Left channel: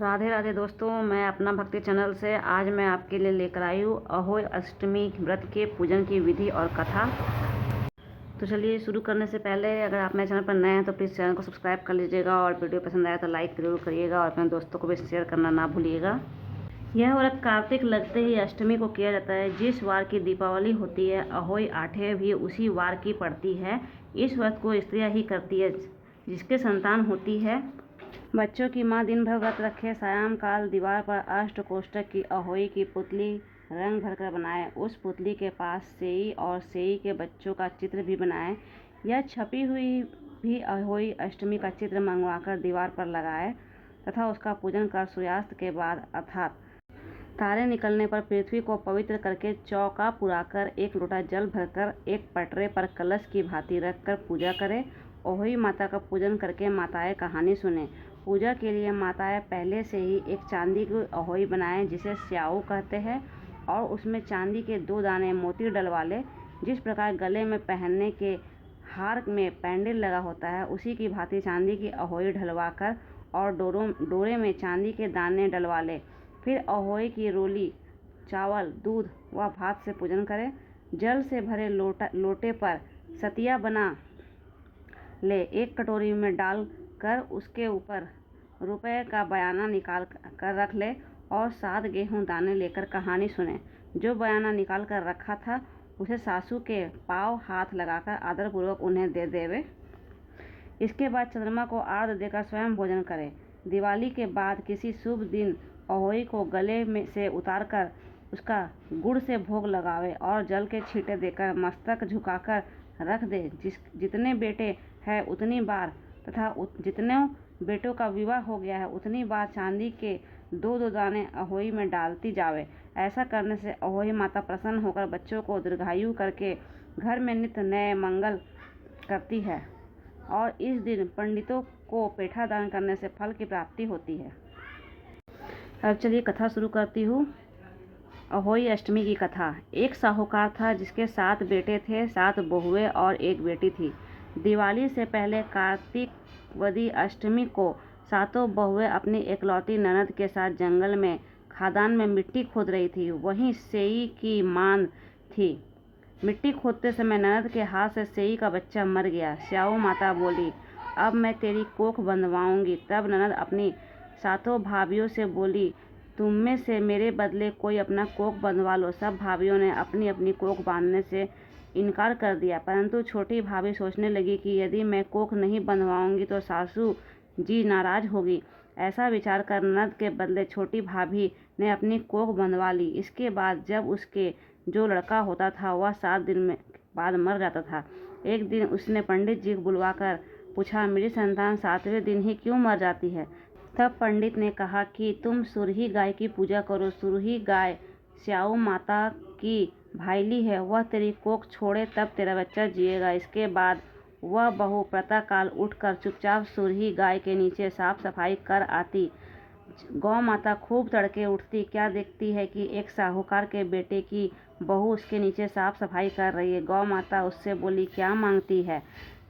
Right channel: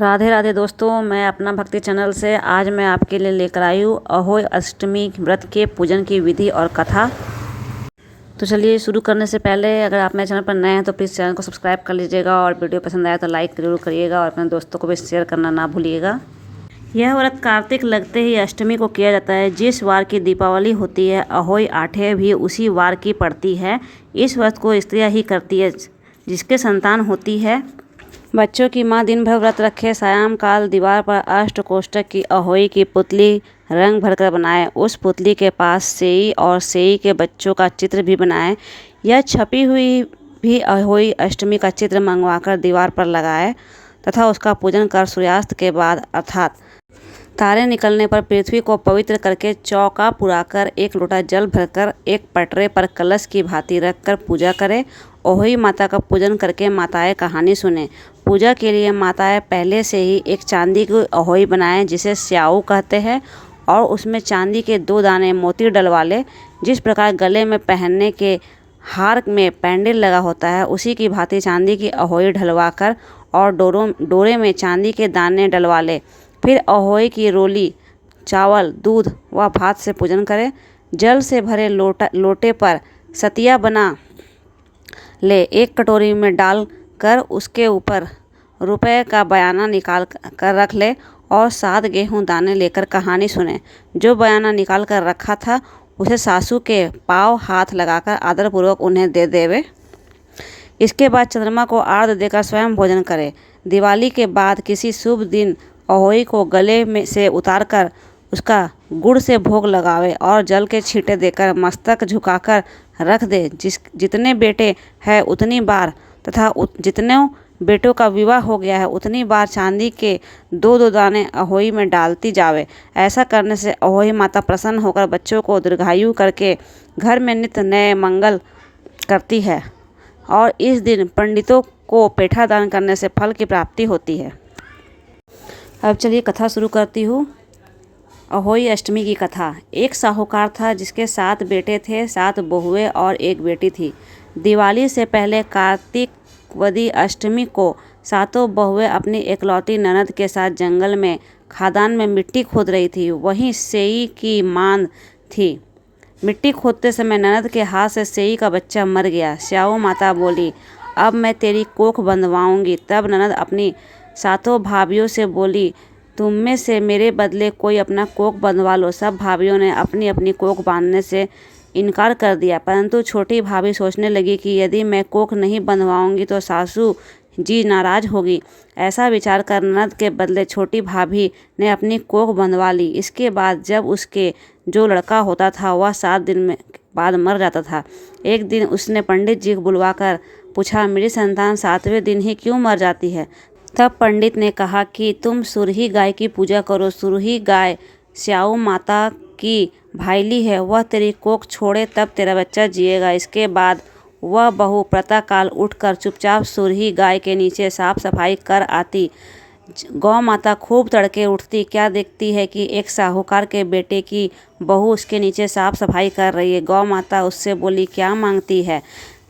राधे राधे दोस्तों, मैं अपना भक्ति चैनल से आज मैं आपके लिए लेकर आई हूँ अहोई अष्टमी व्रत के पूजन की विधि और कथा। तो चलिए शुरू करने से पहले अगर आप मेरे चैनल पर नए हैं तो प्लीज़ चैनल को सब्सक्राइब कर लीजिएगा और वीडियो पसंद आया तो लाइक जरूर करिएगा और अपने दोस्तों को भी शेयर करना ना भूलिएगा। यह व्रत कार्तिक लगते ही अष्टमी को किया जाता है। जिस वार की दीपावली होती है अहोई आठे भी उसी वार की पड़ती है। इस व्रत को स्त्रियाँ ही करती है जिसके संतान होती है। बच्चों की माँ दिन भर व्रत रखे, सायं काल दीवार पर अष्ट कोष्ठक की अहोई की पुतली रंग भरकर बनाए। उस पुतली के पास सेई और सेई के बच्चों का चित्र भी बनाए। यह छपी हुई भी अहोई अष्टमी का चित्र मंगवाकर दीवार पर लगाए तथा उसका पूजन कर सूर्यास्त के बाद अर्थात तारे निकलने पर पृथ्वी को पवित्र करके चौका पुराकर एक लोटा जल भरकर एक पटरे पर कलश की भांति रखकर पूजा करें। अहोई माता का पूजन करके माताएं कहानी सुने। पूजा के लिए माताएं पहले से ही एक चांदी की अहोई बनाएं जिसे स्याऊ कहते हैं और उसमें चांदी के 2 दाने मोती डलवा ले। जिस प्रकार गले में पहनने के हार में पैंडल लगा होता है उसी की भांति चांदी की अहोई ढलवाकर और डोरे में चांदी के दाने डलवा ले। फिर अहोई की रोली चावल दूध व भात से पूजन करें। जल से भरे लोटे पर सतिया बना ले। एक कटोरी में डाल कर उसके ऊपर रुपए का बयाना निकाल कर रख ले और 7 गेहूं दाने लेकर कहानी सुने। जो बयाना निकाल कर रखा था उसे सासू के पाँव हाथ लगाकर आदरपूर्वक उन्हें दे देवे। इसके बाद चंद्रमा को आर्घ्य देकर स्वयं भोजन करे। दिवाली के बाद किसी शुभ दिन अहोई को गले में से उतार कर उसका गुड़ से भोग लगावे और जल के छींटे देकर मस्तक झुकाकर रख दे। जितने बेटे हैं उतनी बार तथा जितने बेटों का विवाह हो गया है उतनी बार चांदी के 2-2 दाने अहोई में डालती जावे। ऐसा करने से अहोई माता प्रसन्न होकर बच्चों को दीर्घायु करके घर में नित्य नए मंगल करती है और इस दिन पंडितों को पेठा दान करने से फल की प्राप्ति होती है। अब चलिए कथा शुरू करती हूँ। अहोई अष्टमी की कथा। एक साहूकार था जिसके 7 बेटे थे, 7 बहुएं और 1 बेटी थी। दिवाली से पहले कार्तिकवदी अष्टमी को 7 बहुएं अपनी एकलौती ननद के साथ जंगल में खादान में मिट्टी खोद रही थी। वहीं सेई की मांद थी। मिट्टी खोदते समय ननद के हाथ से सेई का बच्चा मर गया। स्याऊ माता बोली, अब मैं तेरी कोख बंधवाऊंगी। तब ननद अपनी 7 भाभियों से बोली, तुम में से मेरे बदले कोई अपना कोख बंधवा लो। सब भाभियों ने अपनी अपनी कोख बांधने से इनकार कर दिया, परंतु छोटी भाभी सोचने लगी कि यदि मैं कोख नहीं बंधवाऊंगी तो सासू जी नाराज होगी। ऐसा विचार कर ननद के बदले छोटी भाभी ने अपनी कोख बंधवा ली। इसके बाद जब उसके जो लड़का होता था वह 7 दिन में बाद मर जाता था। एक दिन उसने पंडित जी को बुलवाकर पूछा, मेरी संतान 7वें दिन ही क्यों मर जाती है? तब पंडित ने कहा कि तुम सुरही गाय की पूजा करो। सुरही गाय स्याऊ माता की भाईली है, वह तेरी कोख छोड़े तब तेरा बच्चा जिएगा। इसके बाद वह बहू प्रातःकाल उठकर चुपचाप सुरही गाय के नीचे साफ सफाई कर आती। गौ माता खूब तड़के उठती, क्या देखती है कि एक साहूकार के बेटे की बहू उसके नीचे साफ सफाई कर रही है। गौ माता उससे बोली, क्या मांगती है?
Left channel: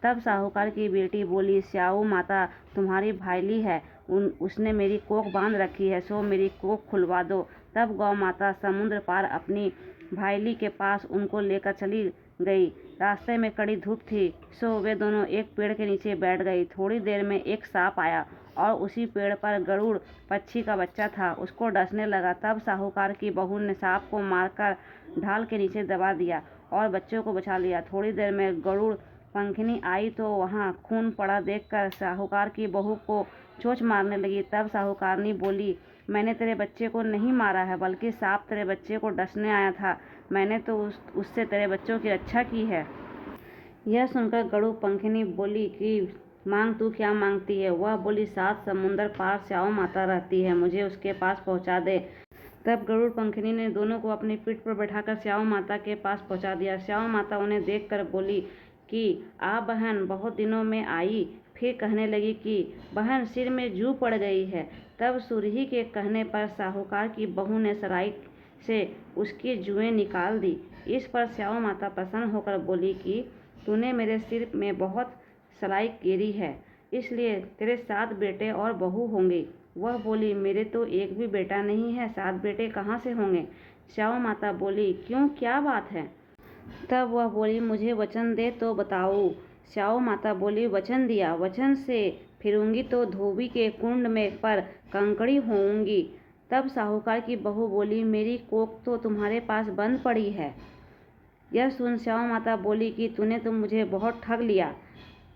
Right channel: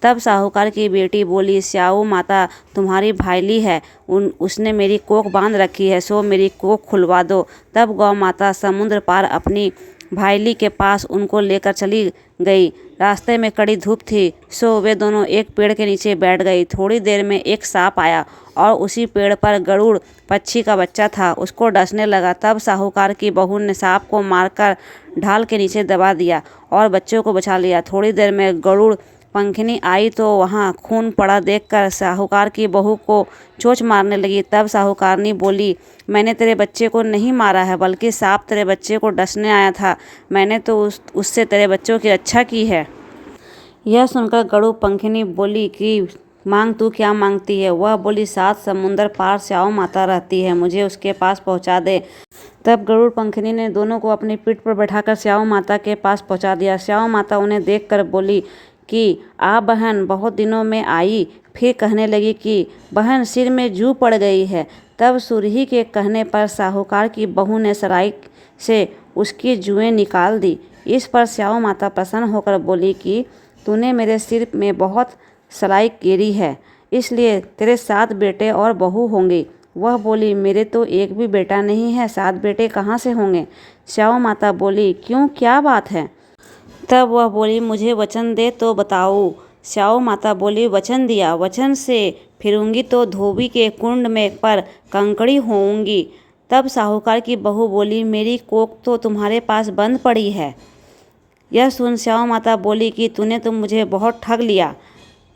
तब साहूकार की बेटी बोली, स्याऊ माता तुम्हारी भाईली है, उसने मेरी कोख बांध रखी है, सो मेरी कोख खुलवा दो। तब गौ माता समुद्र पार अपनी भाईली के पास उनको लेकर चली गई। रास्ते में कड़ी धूप थी, सो वे दोनों एक पेड़ के नीचे बैठ गई। थोड़ी देर में एक सांप आया और उसी पेड़ पर गरुड़ पक्षी का बच्चा था, उसको डसने लगा। तब साहूकार की बहू ने सांप को मारकर ढाल के नीचे दबा दिया और बच्चों को बचा लिया। थोड़ी देर में गरुड़ पंखनी आई तो वहाँ खून पड़ा देखकर साहूकार की बहू को चोंच मारने लगी। तब साहूकारनी बोली, मैंने तेरे बच्चे को नहीं मारा है, बल्कि सांप तेरे बच्चे को डसने आया था। मैंने तो उससे तेरे बच्चों की रक्षा की है। यह सुनकर गरुड़ पंखनी बोली कि मांग, तू क्या मांगती है? वह बोली, 7 समुंदर पार स्याऊ माता रहती है, मुझे उसके पास पहुँचा दे। तब गरुड़ पंखनी ने दोनों को अपनी पीठ पर बैठाकर स्याऊ माता के पास पहुँचा दिया। स्याऊ माता उन्हें देखकर बोली कि आ बहन, बहुत दिनों में आई। फिर कहने लगी कि बहन, सिर में जू पड़ गई है। तब सुरही के कहने पर साहूकार की बहू ने सराय से उसकी जुएं निकाल दी। इस पर स्याऊ माता प्रसन्न होकर बोली कि तूने मेरे सिर में बहुत सराय गिरी है, इसलिए तेरे 7 बेटे और बहू होंगे। वह बोली, मेरे तो एक भी बेटा नहीं है, 7 बेटे कहाँ से होंगे। स्याऊ माता बोली, क्यों, क्या बात है। तब वह बोली, मुझे वचन दे तो बताऊँ। स्याऊ माता बोली, वचन दिया, वचन से फिरूंगी तो धोबी के कुंड में पर कंकड़ी होऊंगी। तब साहूकार की बहू बोली, मेरी कोख तो तुम्हारे पास बंद पड़ी है। यह सुन स्याऊ माता बोली कि तूने तो मुझे बहुत ठग लिया।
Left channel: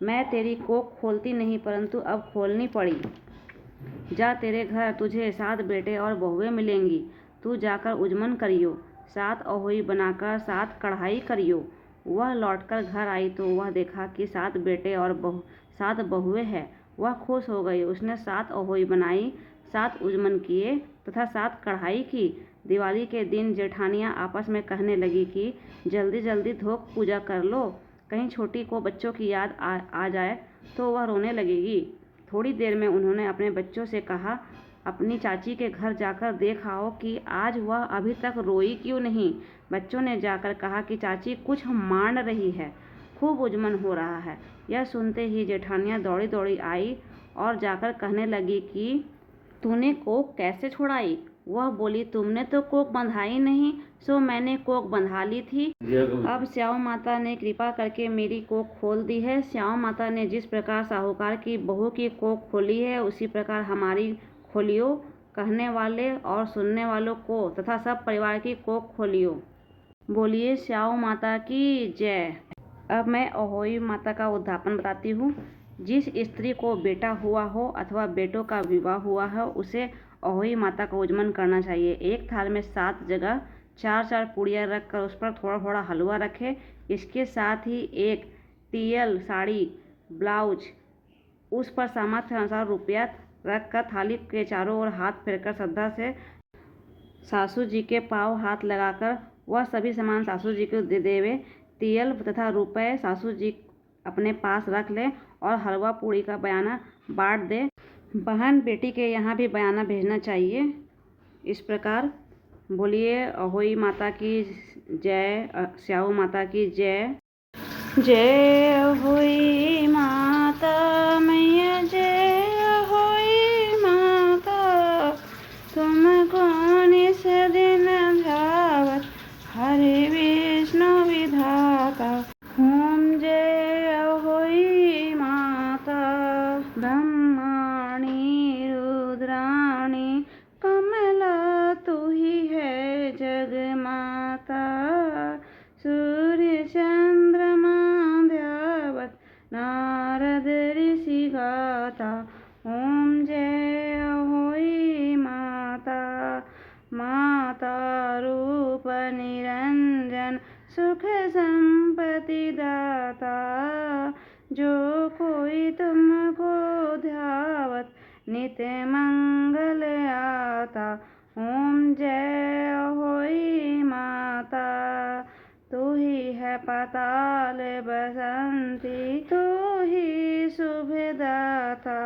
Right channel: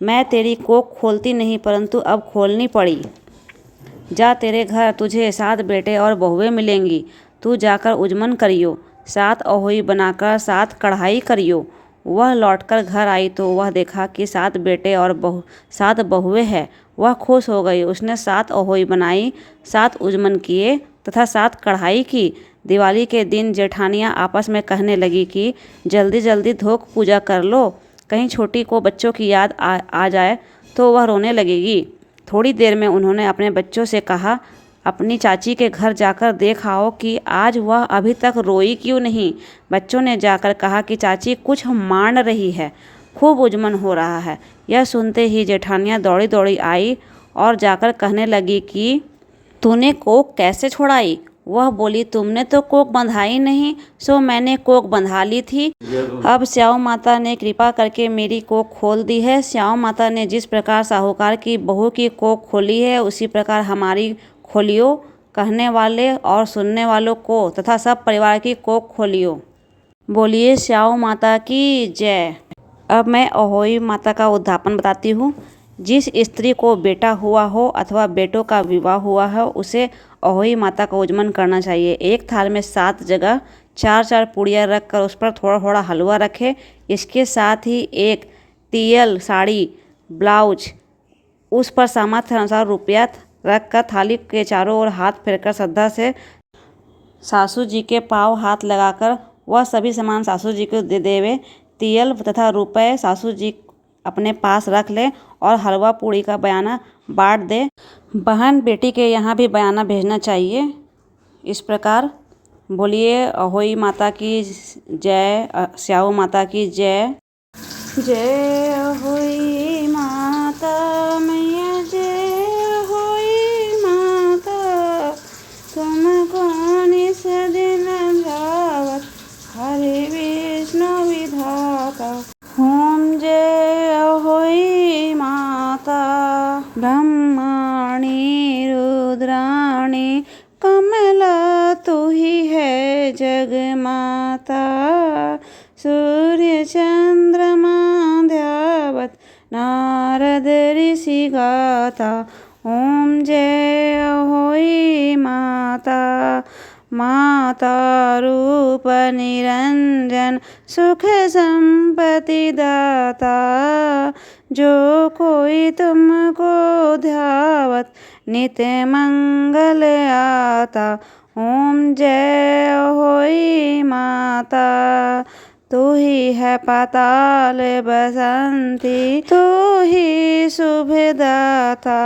मैं तेरी कोख खोलती नहीं, परंतु अब खोलनी पड़ी। जा, तेरे घर तुझे 7 बेटे और बहुएं मिलेंगी। तू जाकर उजमन करियो, 7 अहोई बनाकर 7 कढ़ाई करियो। वह लौटकर घर आई तो वह देखा कि 7 बेटे और 7 बहुएं हैं। वह खुश हो गई। उसने 7 अहोई बनाई, 7 उजमन किए तथा 7 कढ़ाई की। दिवाली के दिन जेठानियाँ आपस में कहने लगी कि जल्दी जल्दी धोक पूजा कर लो, कहीं छोटी को बच्चों की याद आ जाए तो वह रोने लगेगी। थोड़ी देर में उन्होंने अपने बच्चों से कहा, अपनी चाची के घर जाकर देख आओ कि आज वह अभी तक रोई क्यों नहीं। बच्चों ने जाकर कहा कि चाची कुछ मान रही है, खूब उजमन हो रहा है। यह सुनते ही जेठानियाँ दौड़ी दौड़ी आई और जाकर कहने लगी कि तूने कोख कैसे छुड़ाई। वह बोली, तुमने तो कोख बंधाई नहीं, सो मैंने कोख बंधा ली थी। अब स्याऊ माता ने कृपा करके मेरी कोख खोल दी है। स्याऊ माता ने जिस प्रकार साहूकार की बहू की कोख खोली है, उसी प्रकार हमारी खोलियो। कहने वाले और सुनने वालों को तथा सब परिवार की कोख खोलियो। बोलिए स्याऊ माता की जय। अब मैं अहोई माता का उद्यापन बताती हूँ। जिस स्त्री को बेटा हुआ हो अथवा बेटों का विवाह हुआ हो, उसे अहोई माता का उजमन करना चाहिए। एक थाल में 7 जगह 4-4 पूड़ियाँ रख कर उस पर थोड़ा थोड़ा हलवा रखे। इसके साथ ही एक तियल, साड़ी, ब्लाउज, उस पर सामर्थ्य अनुसार रुपया रख कर थाली के चारों ओर हाथ फेरकर श्रद्धा से सासू जी के पाँव हाथ लगाकर वह सभी सामान सासू जी को दे देवे। तियल तथा रुपए सासू जी अपने पास रख ले और हलवा पूड़ी का बयाना बांट दे। बहन बेटी के यहाँ भी बयाना भेजना चाहिए। इस प्रकार बोलिए अहोई माता की जय, स्याऊ माता की जय। जय अहोई माता मैया, जय अहोई माता, तुमको निस दिन ध्यावत हरि विष्णु विधाता। ओम जय अहोई माता। ब्रह्माणी रुद्राणी कमला तू ही है जगमाता। सूर्य चंद्रमा ध्यावत नारद ऋषि गाता। ओम जय अहोई माता। माता रूप निरंजन सुख संपत्ति दाता। जो कोई तुमको ध्यावत नित्य मंगल आता। ओम जय अहोई माता। तू ही है पाताल बसंती, तू ही शुभदाता।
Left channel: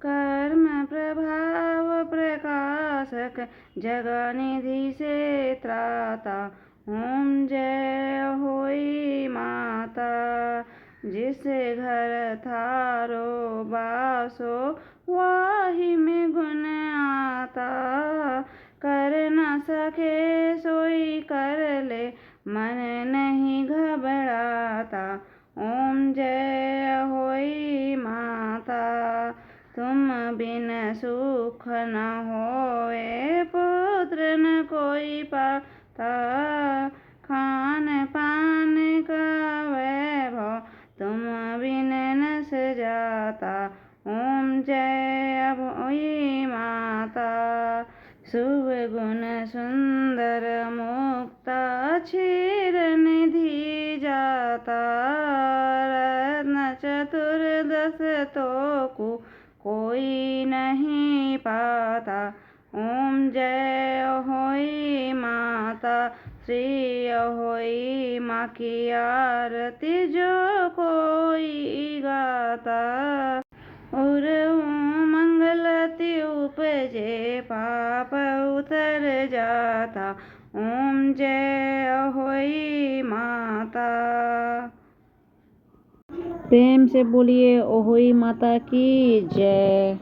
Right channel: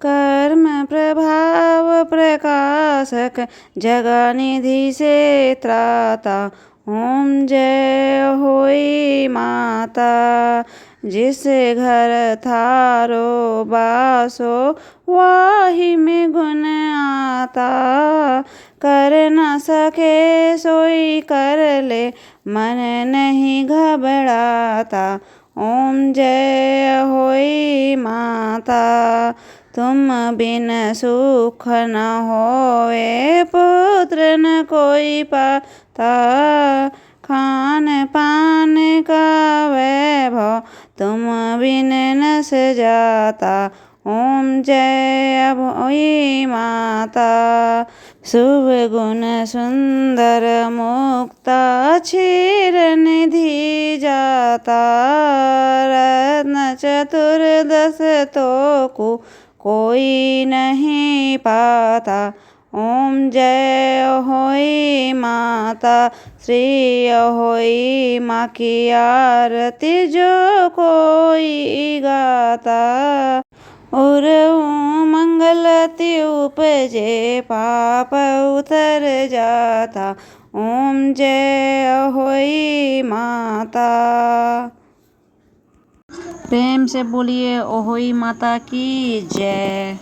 कर्म प्रभाव प्रकाशक जगनिधि से त्राता। ओम जय अहोई माता। जिस घर थारो बासो वाही में गुण आता। कर न सके सोई कर ले, मन नहीं घबराता। ओम जय अहोई माता। तुम बिन सुख न होवे, पुत्र न कोई पाता। खान पान का वैभव तुम बिन न सजाता। ओम जय अहोई माता। शुभ गुण सुंदर मुक्ता, क्षीर निधि जाता। रत्न चतुर्दश तो कोई नहीं पाता। ओम जय अहोई माता। श्री अहोई माँ की आरती जो कोई गाता। और मंगलति उपजे पाप उतर जाता। ओम जय अहोई माता। प्रेम से बोलिए अहोई माता की जय।